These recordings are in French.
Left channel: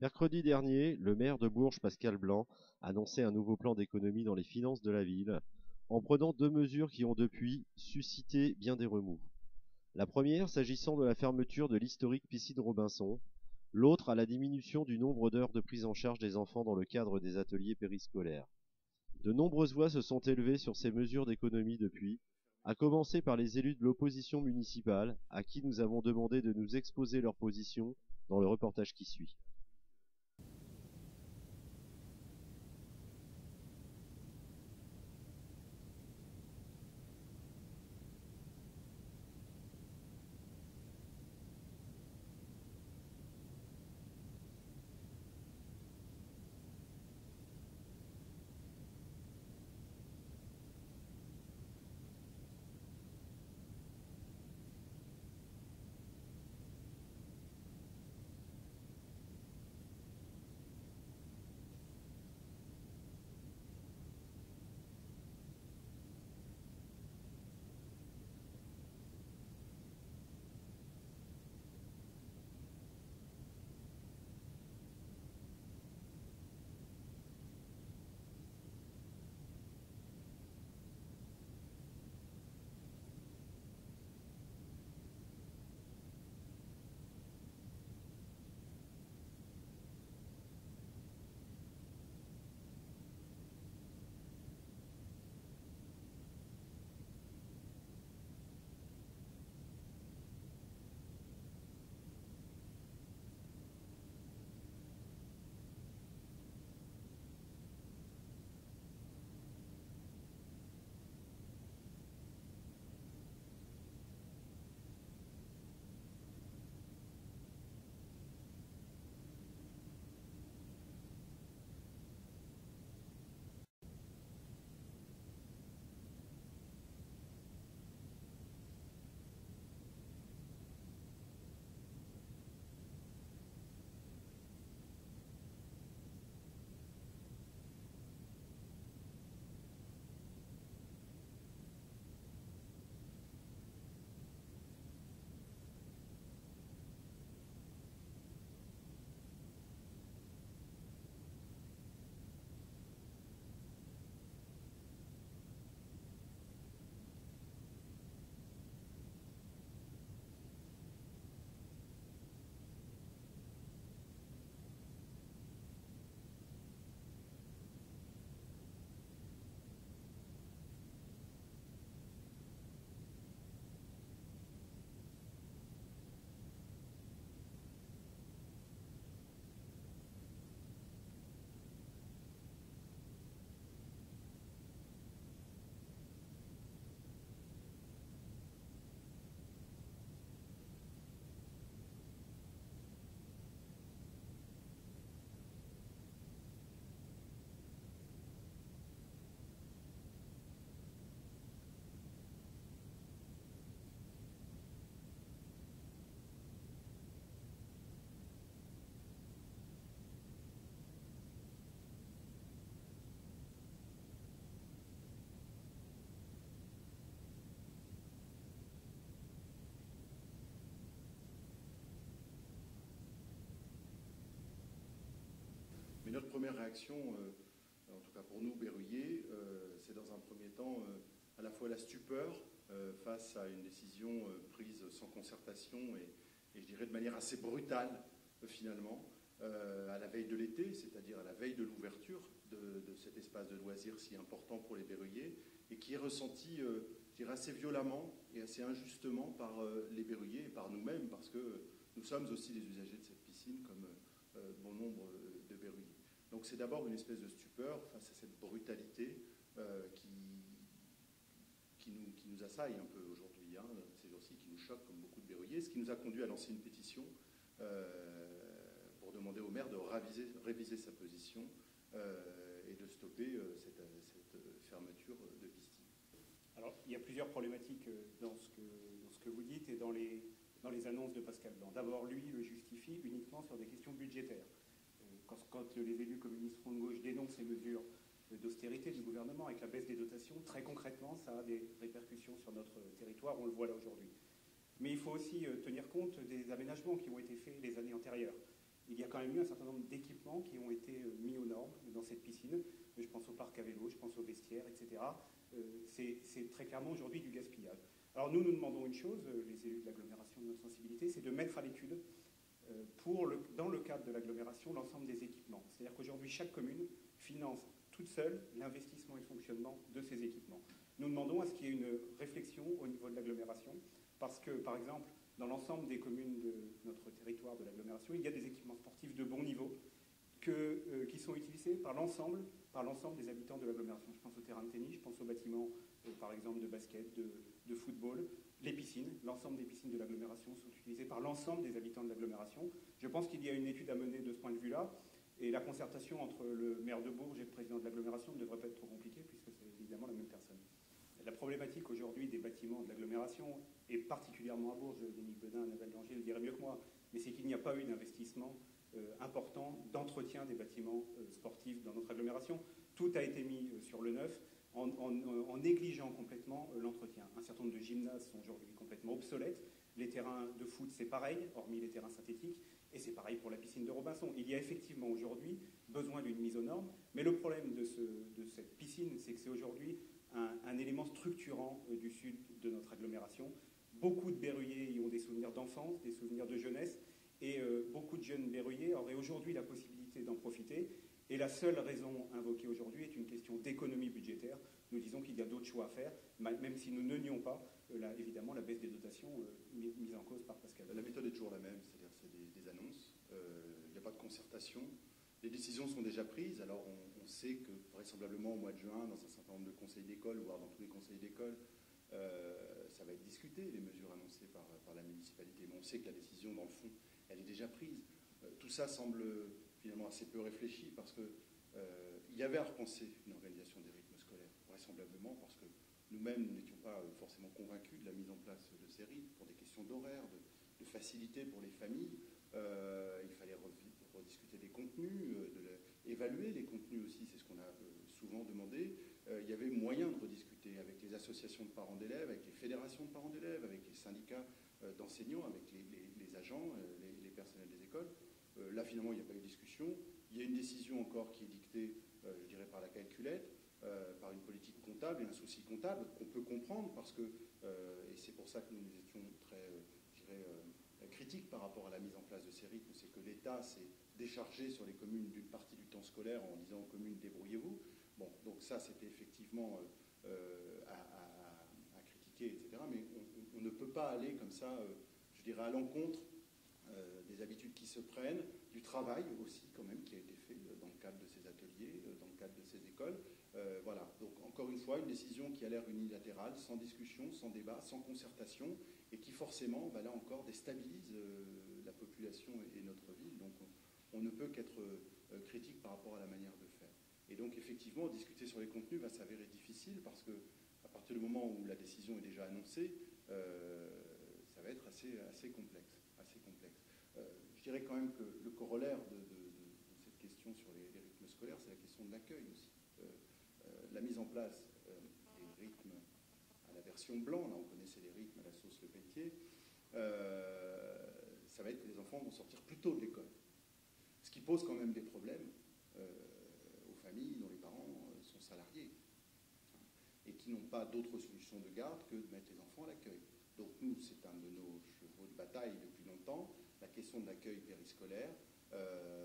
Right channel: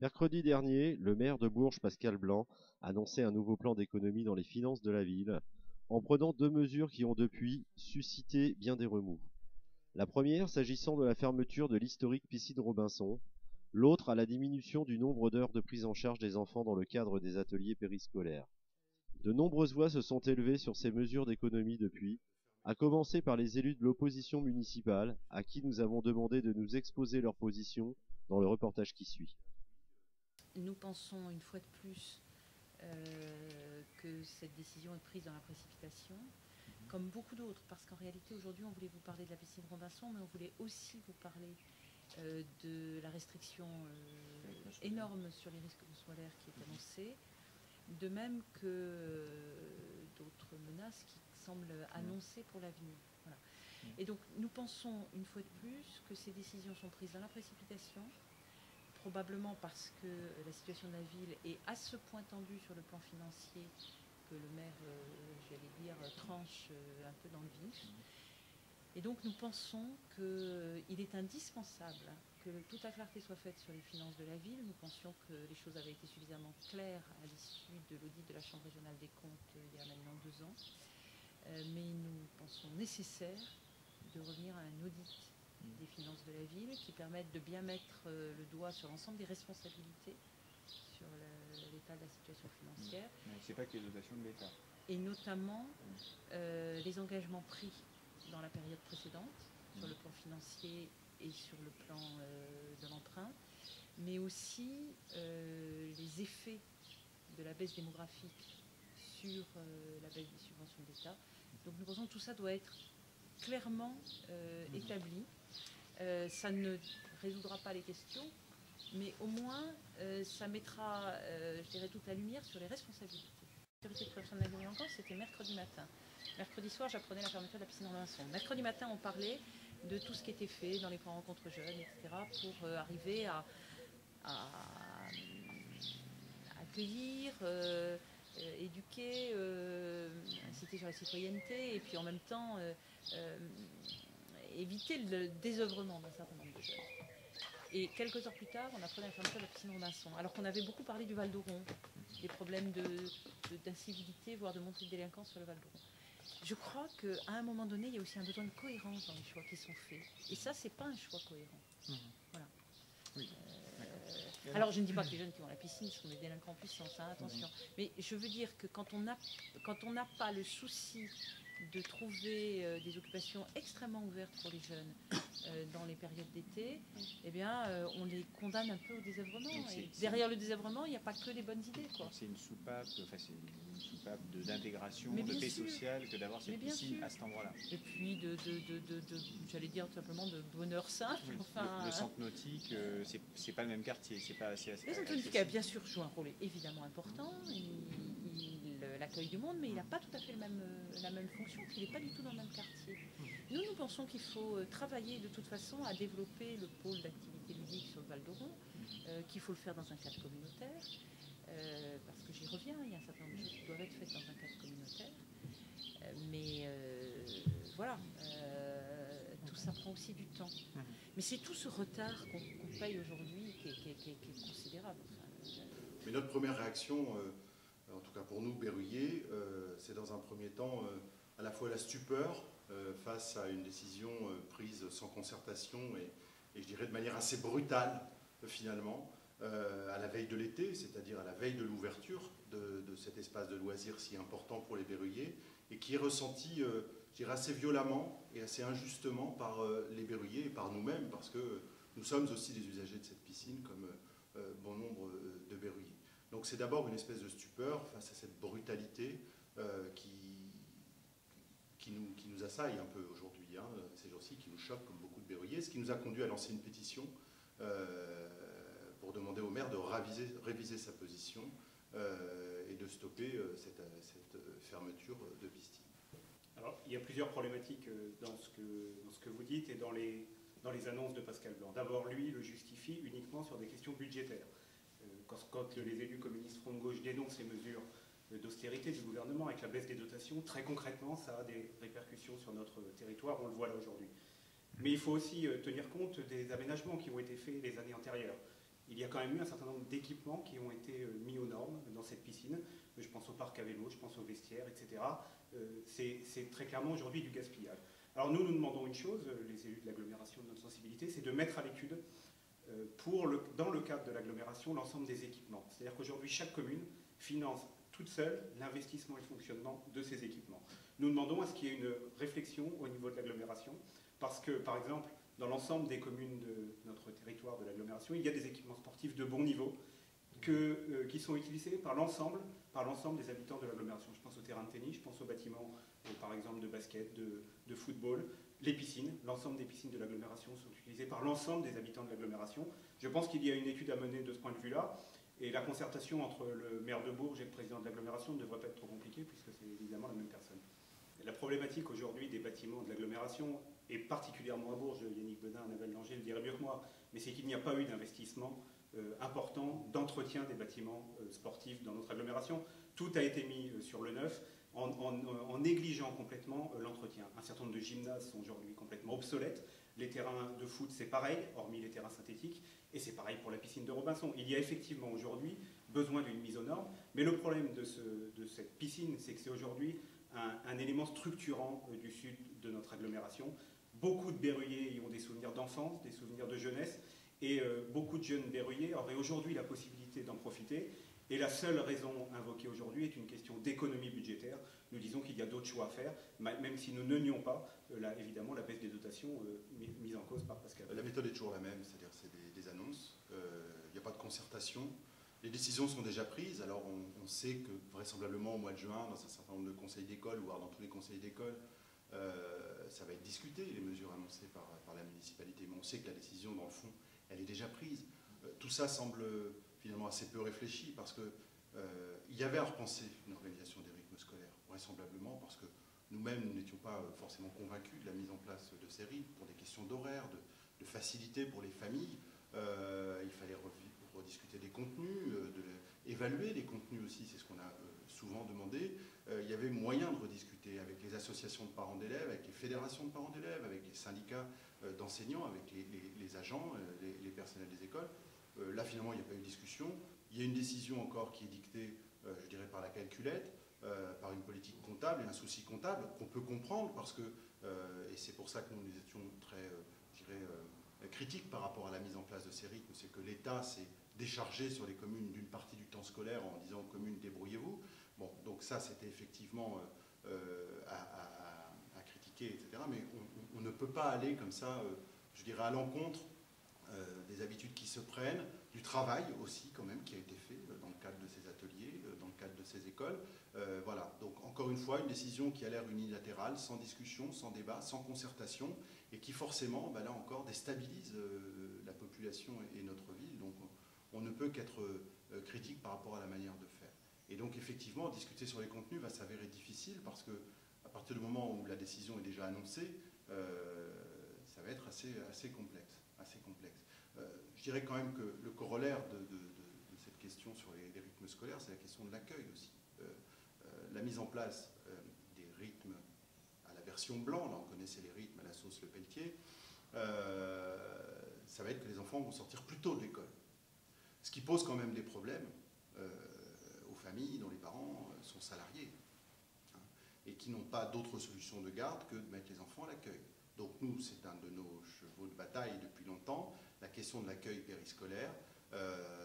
Mercredi dernier, le maire de Bourges, Pascal Blanc, annonçait un nouveau plan d'économie dans les finances de la ville, en prenant 2 mesures qui ont depuis suscité bien des remous. La première s'agissant de la fermeture de l'historique piscine Robinson, l'autre à la diminution du nombre d'heures de prise en charge des enfants dans le cadre des ateliers périscolaires. De nombreuses voix se sont élevées sur ces mesures d'économie depuis, à commencer par les élus de l'opposition municipale, à qui nous avons demandé de nous exposer leur position dans le reportage qui suit. Nous pensons une fois de plus que cette décision est prise dans la précipitation, comme beaucoup d'autres, parce qu'en réalité aujourd'hui on voulait vous parler de la piscine Robinson, mais on voulait aussi vous parler de la restriction énorme sur les risques scolaires qui est annoncée, de même que d'autres menaces qui semblent annoncées pour l'avenir. Voilà. Et donc nous pensons une fois de plus que ces décisions sont prises dans la précipitation, probablement parce que la situation de la ville est à ce point tendue sur le plan financier que le maire, j'allais dire, tranche un peu dans le vif. Et donc nous pensons qu'il est indispensable que toute la clarté soit faite sur les finances de la ville. Nous pensions que les choses avaient été suffisamment claires à l'issue de l'audit de la Chambre régionale des comptes il y a maintenant 2 ans. Mais nous pensons nécessaire de revenir à un audit des finances de la ville qui permettent de bien mettre le doigt sur l'ensemble des responsabilités sur l'état de la situation financière. C'est pas que les dotations de l'État. Et notamment les engagements pris dans la période précédente sur le plan financier et sur le plan de l'emprunt, mais aussi les effets de la baisse démographique sur la baisse des subventions de l'État. Donc nous pensons que tout ça doit être clairement établi. Ça ne résoudra pas les questions, mais au moins ça mettra, je dirais, toute la lumière sur les responsabilités. La sécurité de personnes en délinquance, c'était mercredi matin. Mercredi soir, j'apprenais la fermeture de la piscine Robinson. Mercredi matin, on parlait de tout ce qui était fait dans les grandes rencontres jeunes, etc., pour arriver à accueillir, éduquer, inciter sur la citoyenneté, et puis en même temps éviter le désœuvrement d'un certain nombre de jeunes. Et quelques heures plus tard, on apprenait la fermeture de la piscine Robinson, alors qu'on avait beaucoup parlé du Val d'Oron, des problèmes d'incivilité, voire de montée de délinquance sur le Val d'Oron. Je crois qu'à un moment donné, il y a aussi un besoin de cohérence dans les choix qui sont faits. Et ça, c'est pas un choix cohérent. Voilà. Oui. Alors, je ne dis pas que les jeunes qui vont à la piscine sont des délinquants en puissance, hein, attention. Mais je veux dire que quand on n'a pas le souci de trouver des occupations extrêmement ouvertes pour les jeunes dans les périodes d'été, eh bien, on les condamne un peu au désœuvrement. Et derrière le désœuvrement, il n'y a pas que les bonnes idées, quoi. C'est une soupape, d'intégration, de paix sûr. sociale que d'avoir cette piscine à cet endroit-là. Et puis, j'allais dire tout simplement de bonheur simple. Oui. Enfin, le centre nautique, c'est pas le même quartier, c'est pas assez. Le centre nautique a bien sûr joué un rôle évidemment important. Il accueille du monde, mais il n'a pas tout à fait la même fonction, il n'est pas du tout dans le même quartier. Nous pensons qu'il faut travailler de toute façon à développer le pôle d'activité ludique sur le Val d'Oron, qu'il faut le faire dans un cadre communautaire, parce que j'y reviens, il y a un certain nombre de choses qui doivent être faites dans un cadre communautaire. Mais voilà, tout ça prend aussi du temps. Mais c'est tout ce retard qu'on paye aujourd'hui qui est considérable. Mais notre première réaction, en tout cas pour nous, berruyers, c'est dans un premier temps à la fois la stupeur face à une décision prise sans concertation et je dirais de manière assez brutale finalement, à la veille de l'été, c'est-à-dire à la veille de l'ouverture de cet espace de loisirs si important pour les berruyers et qui est ressenti, je dirais, assez violemment et assez injustement par les berruyers et par nous-mêmes parce que nous sommes aussi des usagers de cette piscine comme bon nombre de berruyers. Donc c'est d'abord une espèce de stupeur face à cette brutalité qui nous assaille un peu aujourd'hui, hein, ces jours-ci, qui nous choque comme beaucoup de berruyers, ce qui nous a conduit à lancer une pétition pour demander au maire de réviser sa position et de stopper cette fermeture de piscine. Alors, il y a plusieurs problématiques dans ce que vous dites et dans les annonces de Pascal Blanc. D'abord, lui le justifie uniquement sur des questions budgétaires. Quand les élus communistes front de gauche dénoncent les mesures d'austérité du gouvernement avec la baisse des dotations, très concrètement, ça a des répercussions sur notre territoire, on le voit là aujourd'hui. Mais il faut aussi tenir compte des aménagements qui ont été faits les années antérieures. Il y a quand même eu un certain nombre d'équipements qui ont été mis aux normes dans cette piscine. Je pense au parc à vélo, je pense aux vestiaires, etc. C'est très clairement aujourd'hui du gaspillage. Alors nous demandons une chose, les élus de l'agglomération de notre sensibilité, c'est de mettre à l'étude, dans le cadre de l'agglomération, l'ensemble des équipements. C'est-à-dire qu'aujourd'hui, chaque commune finance toute seule l'investissement et le fonctionnement de ces équipements. Nous demandons à ce qu'il y ait une réflexion au niveau de l'agglomération, parce que, par exemple, dans l'ensemble des communes de notre territoire de l'agglomération, il y a des équipements sportifs de bon niveau qui sont utilisés par l'ensemble des habitants de l'agglomération. Je pense au terrain de tennis, je pense aux bâtiments, par exemple, de basket, de football, les piscines. L'ensemble des piscines de l'agglomération sont utilisées par l'ensemble des habitants de l'agglomération. Je pense qu'il y a une étude à mener de ce point de vue-là, et la concertation entre le maire de Bourges et le président de l'agglomération ne devrait pas être trop compliquée, puisque c'est évidemment la même personne. La problématique aujourd'hui des bâtiments de l'agglomération, et particulièrement à Bourges, Yannick Bedin, Naval Langer le dirait mieux que moi, mais c'est qu'il n'y a pas eu d'investissement important d'entretien des bâtiments sportifs dans notre agglomération. Tout a été mis sur le neuf en négligeant complètement l'entretien. Un certain nombre de gymnases sont aujourd'hui complètement obsolètes. Les terrains de foot, c'est pareil, hormis les terrains synthétiques, et c'est pareil pour la piscine de Robinson. Il y a effectivement aujourd'hui besoin d'une mise aux normes, mais le problème de cette piscine, c'est que c'est aujourd'hui un élément structurant du sud de notre agglomération. Beaucoup de berruyers y ont des souvenirs d'enfance, des souvenirs de jeunesse, et beaucoup de jeunes berruyers auraient aujourd'hui la possibilité d'en profiter. Et la seule raison invoquée aujourd'hui est une question d'économie budgétaire. Nous disons qu'il y a d'autres choix à faire, même si nous ne nions pas, évidemment, la baisse des dotations mise en cause par Pascal. La méthode est toujours la même, c'est-à-dire c'est des annonces, il n'y a pas de concertation. Les décisions sont déjà prises, alors on sait que vraisemblablement au mois de juin, dans un certain nombre de conseils d'école, voire dans tous les conseils d'école, ça va être discuté, les mesures annoncées par la municipalité. Mais on sait que la décision, dans le fond, elle est déjà prise. Tout ça semble finalement assez peu réfléchi, parce que il y avait à repenser une organisation des rythmes scolaires, vraisemblablement, parce que nous-mêmes, nous n'étions pas forcément convaincus de la mise en place de ces rythmes pour des questions d'horaire, de facilité pour les familles. Il fallait rediscuter des contenus, évaluer les contenus aussi, c'est ce qu'on a souvent demandé. Il y avait moyen de rediscuter avec les associations de parents d'élèves, avec les fédérations de parents d'élèves, avec les syndicats d'enseignants, avec les agents, les personnels des écoles. Là, finalement, il n'y a pas eu de discussion. Il y a une décision encore qui est dictée, je dirais, par la calculette, par une politique comptable et un souci comptable qu'on peut comprendre, parce que, et c'est pour ça que nous étions très, je dirais, critiques par rapport à la mise en place de ces rythmes, c'est que l'État s'est déchargé sur les communes d'une partie du temps scolaire en disant aux communes, débrouillez-vous. Bon, donc ça, c'était effectivement à critiquer, etc. Mais on ne peut pas aller comme ça, je dirais, à l'encontre des habitudes qui se prennent, du travail aussi quand même qui a été fait dans le cadre de ces ateliers, dans le cadre de ces écoles. Voilà, donc encore une fois, une décision qui a l'air unilatérale, sans discussion, sans débat, sans concertation, et qui forcément, là encore, déstabilise la population et notre ville. Donc on ne peut qu'être critique par rapport à la manière de faire. Et donc effectivement, discuter sur les contenus va s'avérer difficile, parce que à partir du moment où la décision est déjà annoncée, ça va être assez complexe. Je dirais quand même que le corollaire de cette question sur les rythmes scolaires, c'est la question de l'accueil aussi. La mise en place des rythmes à la version blanc, là on connaissait les rythmes à la sauce Le Pelletier, ça va être que les enfants vont sortir plus tôt de l'école. Ce qui pose quand même des problèmes aux familles dont les parents sont salariés, hein, et qui n'ont pas d'autre solution de garde que de mettre les enfants à l'accueil. Donc nous, c'est un de nos chevaux de bataille depuis longtemps, la question de l'accueil périscolaire,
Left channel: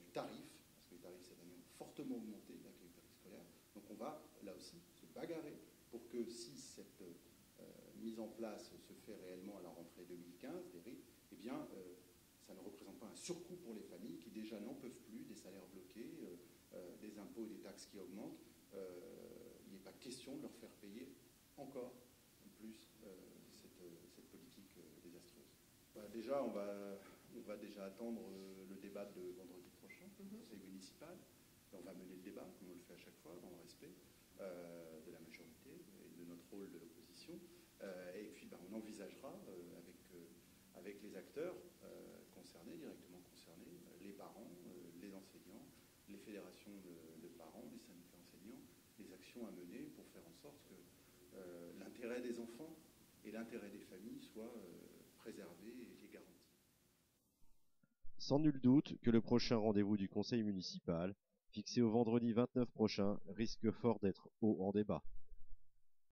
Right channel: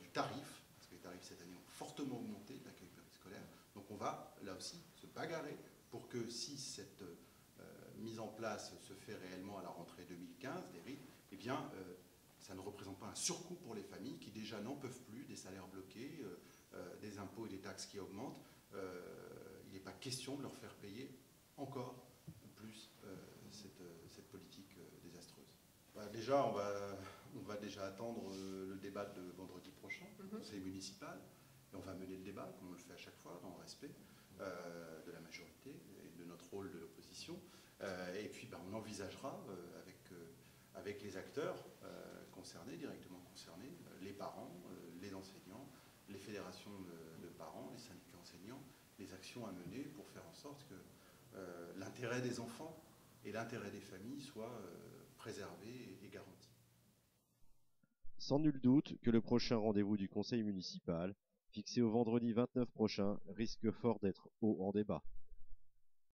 du tarif, parce que les tarifs cette année ont fortement augmenté, l'accueil périscolaire. Donc on va, là aussi, se bagarrer pour que si cette mise en place se fait réellement à la rentrée 2015, des rythmes, eh bien, ça ne représente pas un surcoût pour les familles qui déjà n'en peuvent plus, des salaires bloqués, des impôts et des taxes qui augmentent. Il n'est pas question de leur faire payer encore plus cette politique désastreuse. Déjà, on va déjà attendre le débat de vendredi prochain, conseil municipal, et on va mener le débat, comme on le fait à chaque fois, dans le respect de la majorité et de notre rôle de l'opposition. Et puis, on envisagera avec les acteurs concernés, directement concernés, les parents, les enseignants, les fédérations de parents, les syndicats enseignants, les actions à mener pour faire en sorte que l'intérêt des enfants et l'intérêt des familles soient préservés Sans nul doute que le prochain rendez-vous du conseil municipal, fixé au vendredi 29 prochain, risque fort d'être haut en débat.